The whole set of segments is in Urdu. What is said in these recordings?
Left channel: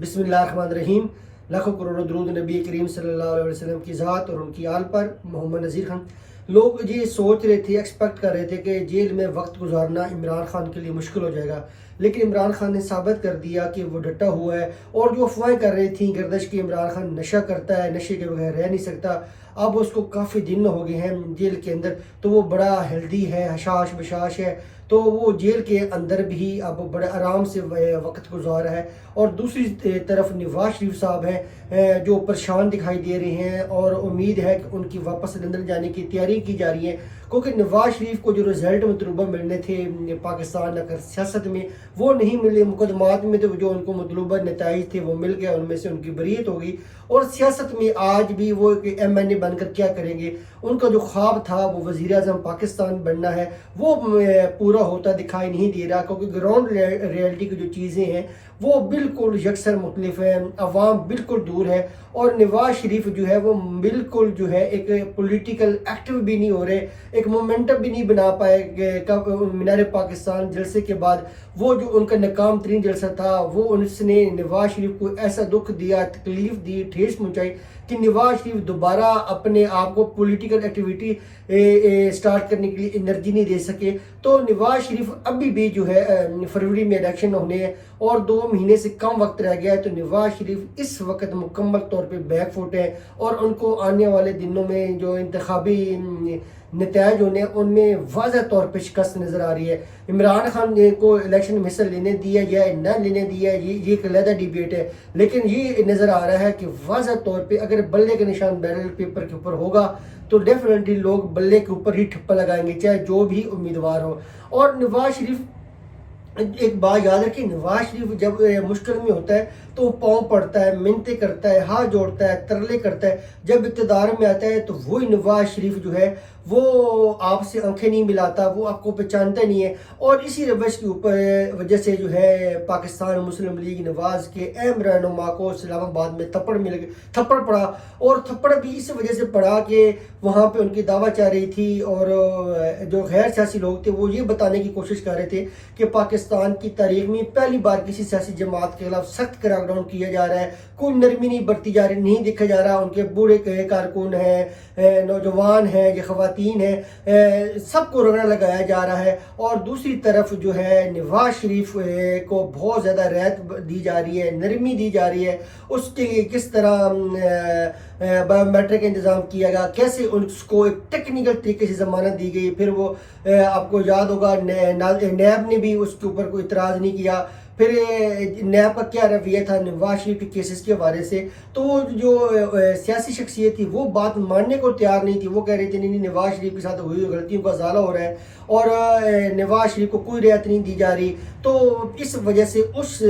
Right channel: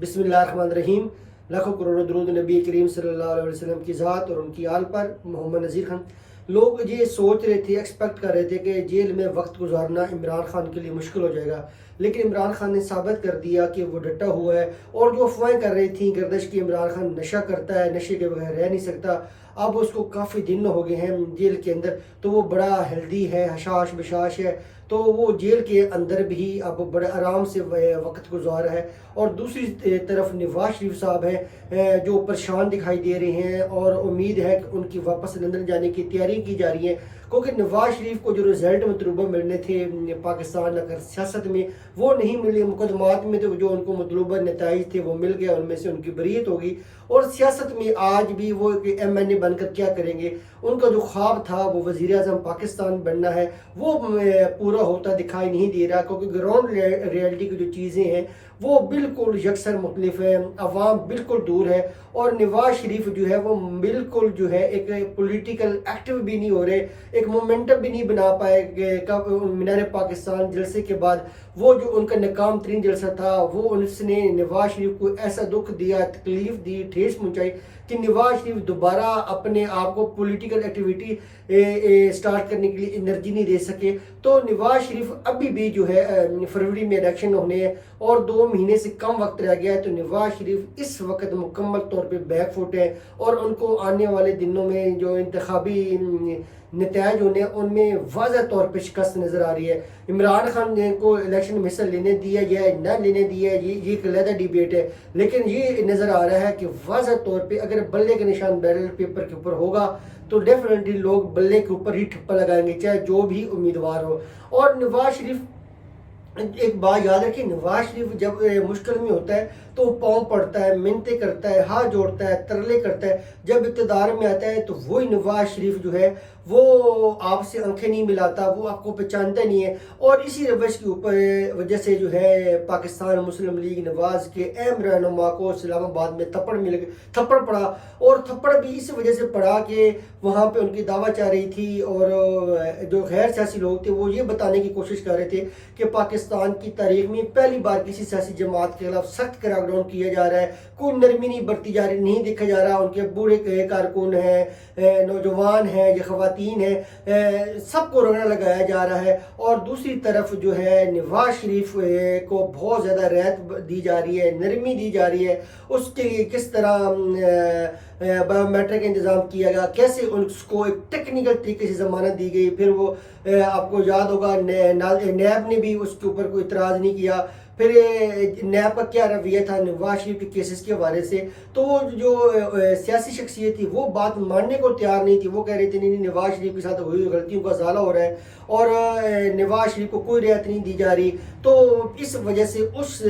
بسم اللہ الرحمن الرحیم۔ لاکھوں کروڑوں درود نبی کریم صلی اللہ علیہ وسلم کی ذات اور ان کی آل پر۔ محمد نذیر خان۔ لوگ یہ سوچ رہے تھے، ایکسپیکٹ کر رہے تھے کہ جیل میں وقت گزارنا عمران خان کے لیے مشکل ہو جائے گا، لیکن عمران خان نے ثابت کر دیا کہ وہ ڈٹا ہوا ہے۔ اور جو افواہیں کر رہی تھیں گردش کی عمران خان نشہ کرتا ہے، نشے کے بغیر رہ نہیں سکتا، اب اس کو کافی دن ہو گئے ہیں جیل کے اندر، تو وہ بڑا ہیلدی ہے، حشاش بشاش ہے، تو وہ جیل کے اندر بھی اب بڑے آرام سے وقت گزار ہے۔ اور دوسری طرف نواز شریف صاحب ہیں جو پریشان دکھائی دے رہے ہیں، اور امید ہے کہ ان کی واپس لندن جانے کی تیاری کی جا رہی ہے، کیونکہ نواز شریف کو جو رزلٹ مطلوبہ ملنے تھے پاکستان اگر سیاست میں وہ نہیں ملے، مقدمات میں تو جو ان کو مطلوبہ نتائج تھے وہ مل گیا، ان میں سے ان کی بریت ہوگی۔ اور سیاست میں آج بھی وہ ایم این اے بن کر کیا کریں گے؟ ان کا جو خواب تھا وہ وزیر اعظم پاکستان بننا ہے، وہ پورا ہوتا دکھائی نہیں دے رہا، کیونکہ گراؤنڈ ریئلٹی کی جو چیزیں ہیں وہ بالکل یکسر مختلف ہیں، عوام بالکل دور ہے، اور نواز شریف جو ہے وہ بالکل جو ہے ایک پولیٹیکل ایکٹیو بھی نہیں ہو رہے، ایک مومنٹم بھی نہیں بنا پائے مینار پاکستان جلسے کے بعد۔ وہ جو ان کا ناکام ترین جلسہ تھا، وہ اس نے نواز شریف کو ایسا دکھ دیا، تکلیف دی، ٹھیس پہنچائی کہ نواز شریف دوبارہ اپنے آپ کو پولیٹیکل ایکٹیویٹی سٹارٹ کرنے کے لیے انرجی نہیں دے سکے۔ تو نواز شریف ابھی بھی جو ہے فروری میں الیکشن ہونے ہیں اور 2 مہینے سے کم وقت رہ گیا ہے، تو نواز شریف اس وقت مکمل طور پہ بیک فوٹ ہے، اور ان کو آنے والے دنوں میں جو انتخابی نتائج ہونے ہیں ان میں واضح طور پہ شکست نظر آ رہی ہے۔ عمران خان کو الیکشن میں حصہ لینے دیا یا نہ لینے دیا یہ ایک علیحدہ ڈیبیٹ ہے، لیکن یہ نظر آ رہا ہے کہ واضح طور پہ اگر بلے کا نشان بیلٹ پیپر کے اوپر ہوگا تو ڈیفینیٹلی لوگ بلے کے اوپر ہی ٹھپا لگائیں گے، چاہے جو بھی امیدوار ہو۔ اور نواز شریف، ایک بات یاد رکھیں، نواز شریف جب مشکل میں ہوتا ہے تو وہ پاؤں پڑتا ہے، منتیں کرتا ہے، ہاتھ جوڑتا ہے، ترلے کرتا ہے۔ جب اقتدار میں آتا ہے تو وہی نواز شریف جو ہے وہ آپ سے آنکھیں نہیں ملاتا، وہ آپ کو پہچانتا نہیں ہے۔ اور اسی روش کے اوپر وجہ سے جو ہے پاکستان مسلم لیگ نواز کے اہم رہنما کو اسلام آباد میں تھپڑ پڑا، اور تھپڑ بھی اس وجہ سے پڑا کہ وہاں پہ ان کی دعویٰ چاہ رہی تھی، اور جو غیر سیاسی لوگ تھے وہ یہ بتانے کی کوشش کر رہے تھے کہ پاکستان کی تاریخ میں پہلی بار کسی سیاسی جماعت کے خلاف سخت کریک ڈاؤن کیا جا رہا ہے، کوئی نرمی نہیں برتی جا رہی، نہیں دیکھا جا رہا، ان کے بوڑھے کارکن ہیں، نوجوان ہیں، یہ خواتین ہیں، سب کو رگڑا لگایا جا رہا ہے۔ اور دوسری طرف جو ہے نواز شریف کو بہت زیادہ رعایت دی جا رہی ہے، نرمی دی جا رہی ہے، اس کے لیے کس طرح بایو میٹرک کا انتظام کیا گیا، کیسے اس کو ایک ٹیکنیکل طریقے سے ضمانت دی گئی، پھر وہ آپ کو یاد ہوگا نیب نے بھی اس کے اوپر کوئی اعتراض نہیں کیا، پھر نیب کا کیا رویہ تھا نواز شریف کے کیسز کے حوالے سے۔ تو جو سیاسی شخصیت تھی وہ بات ماننے کو تیار نہیں تھی، وہ کہہ رہے تھے نہیں نواز شریف کے ساتھ ہوئی غلطیوں کا ازالہ ہو رہا ہے، اور نواز شریف کو کوئی رعایت نہیں دی جا رہی۔ تو اس وجہ سے اس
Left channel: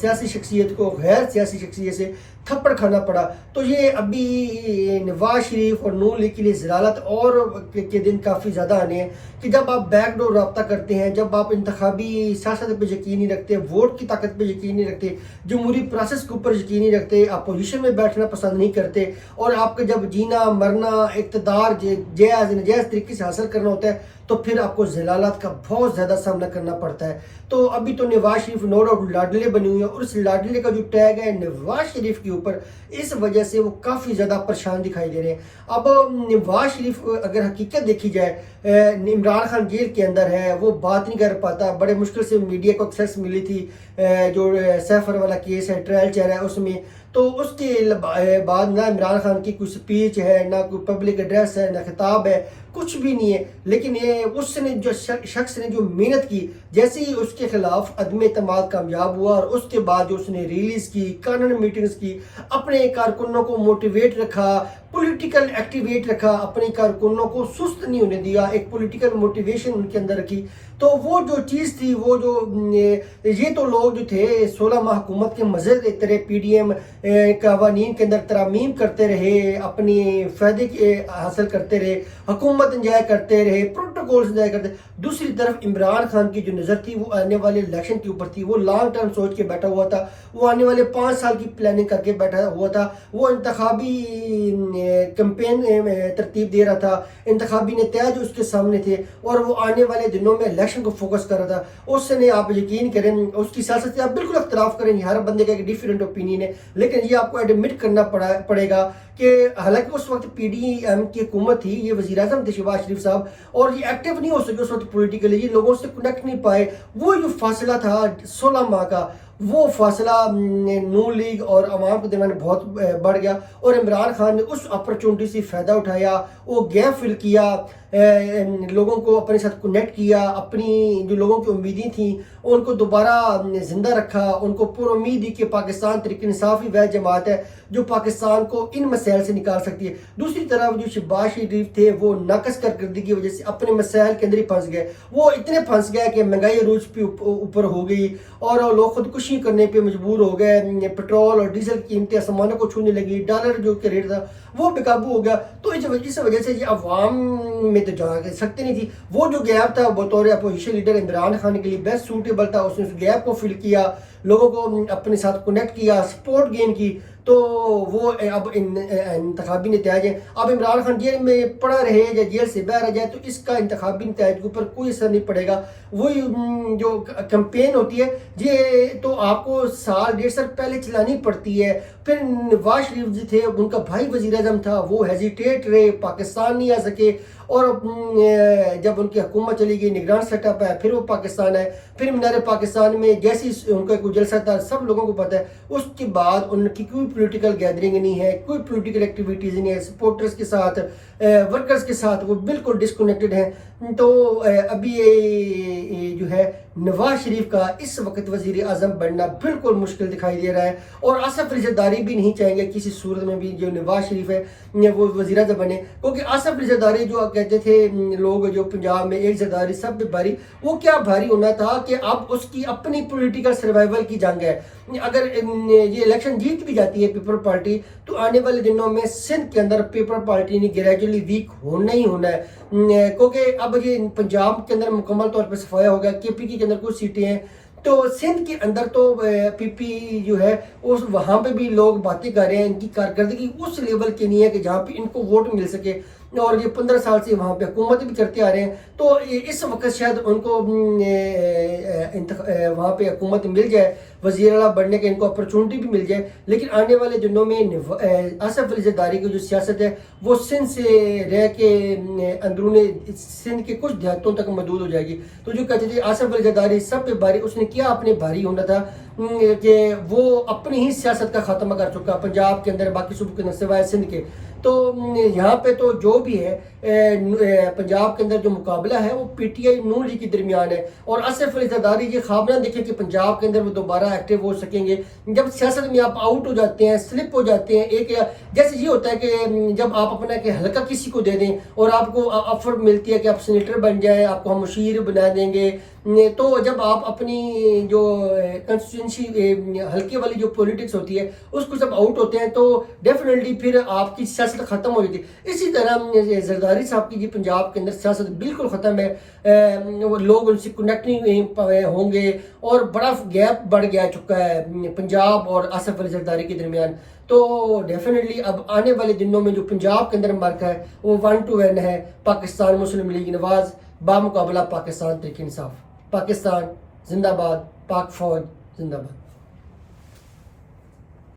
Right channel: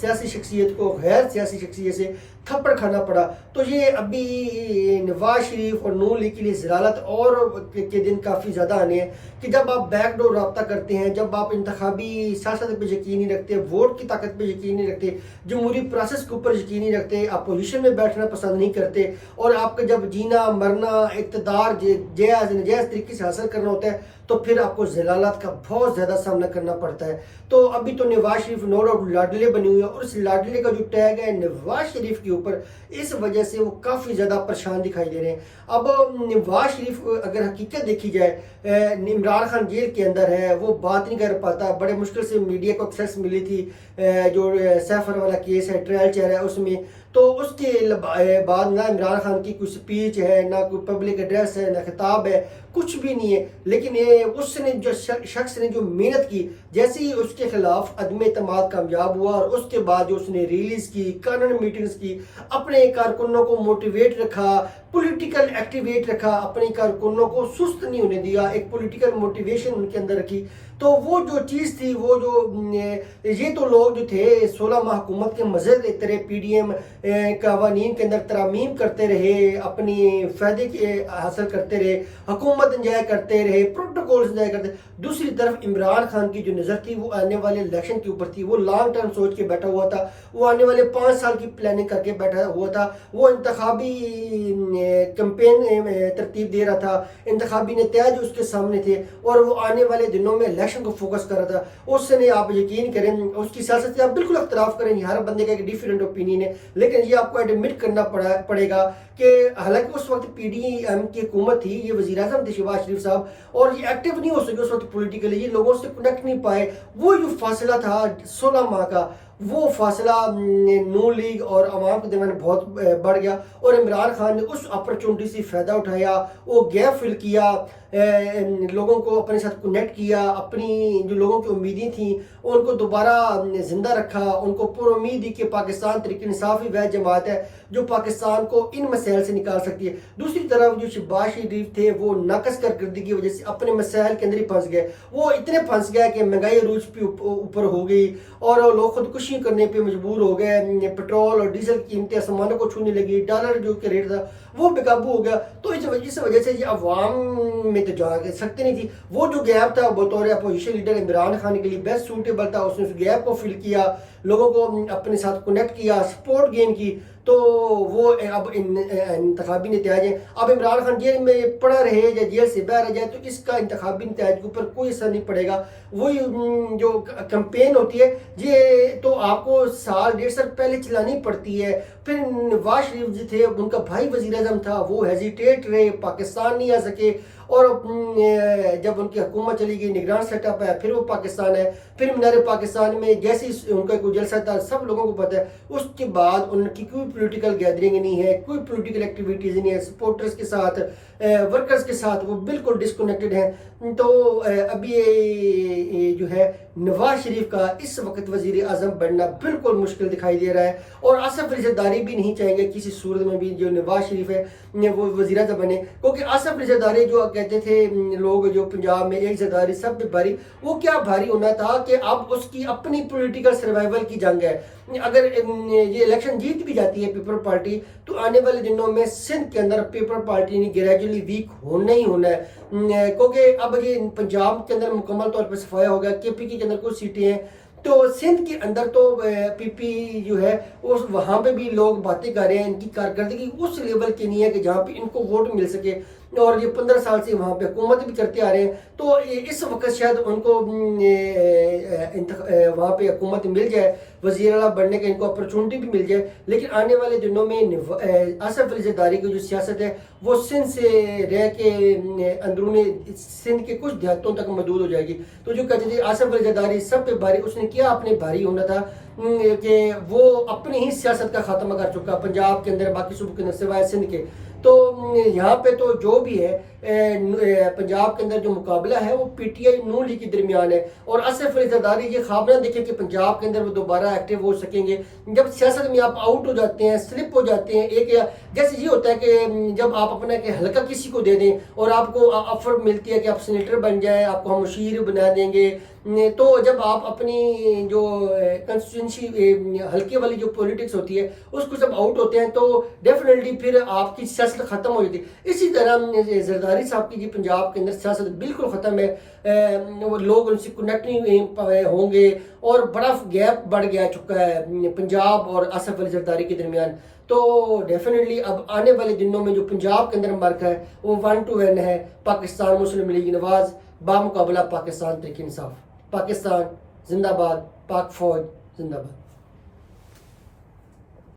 سیاسی شخصیت کو غیر سیاسی شخصیت سے تھپڑ کھانا پڑا۔ تو یہ ابھی نواز شریف اور نون لیگ کے لیے ضلالت اور کے دن کافی زیادہ آنے ہیں، کہ جب آپ بیک ڈور رابطہ کرتے ہیں، جب آپ انتخابی سیاست پہ یقین نہیں رکھتے، ووٹ کی طاقت پہ یقین نہیں رکھتے، جمہوری پروسیس کے اوپر یقین نہیں رکھتے، اپوزیشن میں بیٹھنا پسند نہیں کرتے، اور آپ کا جب جینا مرنا اقتدار جائز نجائز طریقے سے حاصل کرنا ہوتا ہے تو پھر آپ کو ضلالت کا بہت زیادہ سامنا کرنا پڑتا ہے۔ تو ابھی تو نواز شریف نو ڈاؤٹ لاڈلے بنی ہوئی ہیں، اور اس لاڈلے کا جو ٹیگ ہے نواز شریف کے اوپر، اس وجہ سے وہ کافی زیادہ پریشان دکھائی دے رہے ہیں۔ اب نواز شریف اگر حقیقت دیکھی جائے، عمران خان جیل کے اندر ہے، وہ بات نہیں کر پاتا، بڑے مشکل سے میڈیا کو ایکسیس ملی تھی، جو سیفر والا کیس ہے، ٹرائل چل رہا ہے اس میں، تو اس کے بعد نہ عمران خان کی کوئی سپیچ ہے، نہ کوئی پبلک ایڈریس ہے، نہ خطاب ہے، کچھ بھی نہیں ہے۔ لیکن اس نے جو شخص نے جو محنت کی، جیسے ہی اس کے خلاف عدم اعتماد کامیاب ہوا، اور اس کے بعد جو اس نے ریلیز کی، کانن میٹنگز کی، اپنے کارکنوں کو موٹیویٹ رکھا، پولیٹیکل ایکٹیویٹ رکھا، اپنے کارکنوں کو سست نہیں ہونے دیا، ایک پولیٹیکل موٹیویشن ان کے اندر رکھی، تو وہ جو چیز تھی، وہ جو یہ تو لوگ جو تھے 16 ماہ حکومت کے مزے لیتے رہے، پی ڈی ایم قوانین کے اندر ترامیم کرتے رہے، اپنی فائدے حاصل کرتے رہے، حکومت انجوائے کرتے رہے، پروٹوکولز انجوائے کرتے۔ دوسری طرف عمران خان کی جو نظر تھی وہ آنے والے الیکشن کے اوپر تھی، وہ لانگ ٹرم سوچ کے بیٹھا ہوا تھا، وہ آنے والے 5 سال کی پلاننگ کر کے بیٹھا ہوا تھا، وہ انتخابی کمپین ترتیب دے رہا تھا، انتخابی نتائج اس کے سامنے تھے اور وہ آنے والے دنوں میں الیکشن کو فوکس کر رہا تھا، اس نے آپ یقین کریں اس کی سیاست سے آپ بالکل اختلاف کریں، ہر بندے کا ایک ڈیفرنٹ اوپینین ہے، لیکن یہ آپ کو ایڈمٹ کرنا پڑے گا کہ حالانکہ اس وقت پی ڈی ایم کی حکومت تھی، یہ وزیر اعظم تھے شہباز شریف صاحب، اور یہ ایکٹیو نہیں ہو سکے اس وقت پولیٹیکلی، یہ لوگوں سے کنیکٹ نہیں پائے، وہ جو فاصلہ تھا 16 ماہ کا، وہ فاصلہ نون لیگ اور عوام کے درمیان بہت بڑھ گیا، اور عمران خان نے اس اپرچونٹی سے فائدہ اٹھایا، وہ گیپ فل کیا، لوگوں کو اپنے ساتھ کنیکٹ کیا، اپنی جو لوگوں کی امیدیں تھیں ان کو دوبارہ زندہ رکھا، ان کو پر امید دی کہ پاکستان تحریک انصاف ہی وہ جماعت ہے جو پاکستان کو ان مسائل سے نکال سکتی ہے۔ دوسری طرف جو شہباز شریف تھے وہ ناقص کارکردگی کی وجہ سے اپنے مسائل کے اندر ہی پھنس گئے، وہ اتنے پھنس گئے کہ مہنگائی عروج پہ اوپر ہو گئی اور لوگ خودکشی کرنے پہ مجبور ہو گئے، پٹرول اور ڈیزل کی قیمتیں آسمانوں کو چھونے لگی، ڈالر جو کہ ریٹ تھا وہ بے قابو ہو گیا، تو اس وجہ سے یہ عوام میں تو جا سکتے نہیں تھی، وہ جو گیپ تھا بطور اپوزیشن لیڈر عمران خان کے لیے بیسٹ سوٹیبل تھا، اس نے اس گیپ کو فل کیا، لوگوں کو اپنے ساتھ کنیکٹ کیا، سپورٹ گین کی، تو وہ اب انتخابی نتائج ہیں، اب عمران خان جیل میں پڑا رہے یا جیل سے باہر آ جائے تو اس کا انتخابی نتائج کے اوپر کوئی اثر نہیں پڑے گا، وہی جو کمپین ہوتی ہے یہ تو آپ کو سال 1.5 سال پہلے چلانی پڑتی ہے، پھر نواز شریف جو تھے ان کا بھائی وزیر اعظم تھا وہ ہیزیٹیٹ رہے، پاکستان نہیں آ سکے، اور جب ان کی حکومت چلی گئی نگران سیٹ اپ ہے، پھر وہ پاکستان ہے، پھر مینار پاکستان میں جیسے ان کا کوئی جلسہ تھا سب لوگوں کو پتہ ہے، اس کے بعد ان کی کوئی پولیٹیکل گیدرنگ نہیں ہے، کوئی پولیٹیکل ایکٹیویٹیز نہیں ہے، سپورٹرز کے ساتھ ورکرز کے ساتھ وہ بالکل ڈسکنیکٹڈ ہیں، تو ابھی یہ جو ہے نواز شریف کا اس وقت وزیر اعظم بننا بالکل مشکل دکھائی دے رہا ہے، اور آصف علی زرداری بھی نہیں چاہیں گے کسی صورت میں بھی جو نواز شریف ہے وہ وزیر اعظم بنے، کیونکہ آصف علی زرداری جو کہتے تھے لوگ جو پنجاب میں ایک زرداری سب پہ بھاری، وہ کیا بھاری ہونا تھا کہ اب اس کی اپنی پولیٹیکل سروائیول کی جنگ ہے، اگر یہ الیکشن جیت بھی جاتی ہے پیپل پارٹی تو آنے والے دنوں میں سندھ کے اندر پیپل پارٹی نے گریجولی ویک ہونا ہی ہونا ہے، کیونکہ اب یہ پنجاب کے اندر مکمل طور پر صفایا ہوگا، کے پی کے اندر کچھ سیٹیں ہیں، تو سندھ کے اندر تو پی پی جو ہے وہاں پہ بھی لوگ باتیں کر رہے ہیں، ان کی کارکردگی اس لیول کی نہیں ہے کہ جہاں پہ ان کو ووٹ مل سکے، اور یہ 15 سال سے وہاں پہ حکومت بھی کرتے آ رہے ہیں، تو اس وقت شاید ان کو وہاں پہ حکومت مل جائے، وزیر اعلیٰ بننے کے ان کو اپرچونٹی بھی مل جائے، لیکن آنے والے دنوں میں آصف علی زرداری کی جو سیاست ہے وہ سندھ سے رہ کے اندرون سندھ کے کچھ دیہاتوں تک محدود ہو جائے گی، تو جو کہتے تھے آصف علی زرداری سب پہ بھاری، اس نے کیا اپنے بھاری ہونا تھا کہ وہ اپنی ہی سیاست کا خاتمہ کر چکا پنجاب کے اندر، باقی صوبوں کے اندر سوائے سندھ کے، تو یہاں پہ تو جو بھی ہے پنجاب کے اندر جو مقابلہ ہے وہ P T I known league کے درمیان ہے، اور آصف علی زرداری یہ خواب نہ دیکھیں کہ پنجاب کے اندر وہ دوبارہ ایکٹیو ہو سکیں گے، جب سیاست میں آپ آؤٹ ہو جاتے ہیں، سلپ ہو جاتے ہیں، ایک جیسے یہ ہوتا ہے کہ جب آپ اپنا کہ حلقہ کسی کو دے دیں اور آپ کو آفر ملتی ہے کہ آپ سینیٹر بن جائیں، آپ کو ہم مشیر بنا دیں گے، تو جب آپ اپنی جو کنسٹیٹوئنسی حلقے والی جو پولیٹکس ہوتی ہے اس کو جب آؤٹ ہوتے ہیں تو ڈیفینیٹلی پھر آپ کی سیاست ختم ہو جاتی ہے، اسی طرح زرداری صاحب کی پنجاب کے اندر سیاست بالکل ختم ہے، لوگ ان سے کنیکٹ نہیں ہوں گے، اور بڑا گیپ بڑھ گیا چکا ہے پنجاب اور آصف علی زرداری کے درمیان، تو ڈیفینیٹلی اب آنے والے دنوں میں جو پنجاب کے اندر مرک ہے وہ 1 to 1 ہے، پاکستان مسلم لیگ نواز بامقابلہ پاکستان تحریک انصاف، پاکستان زندہ باد، پاک فوج زندہ باد۔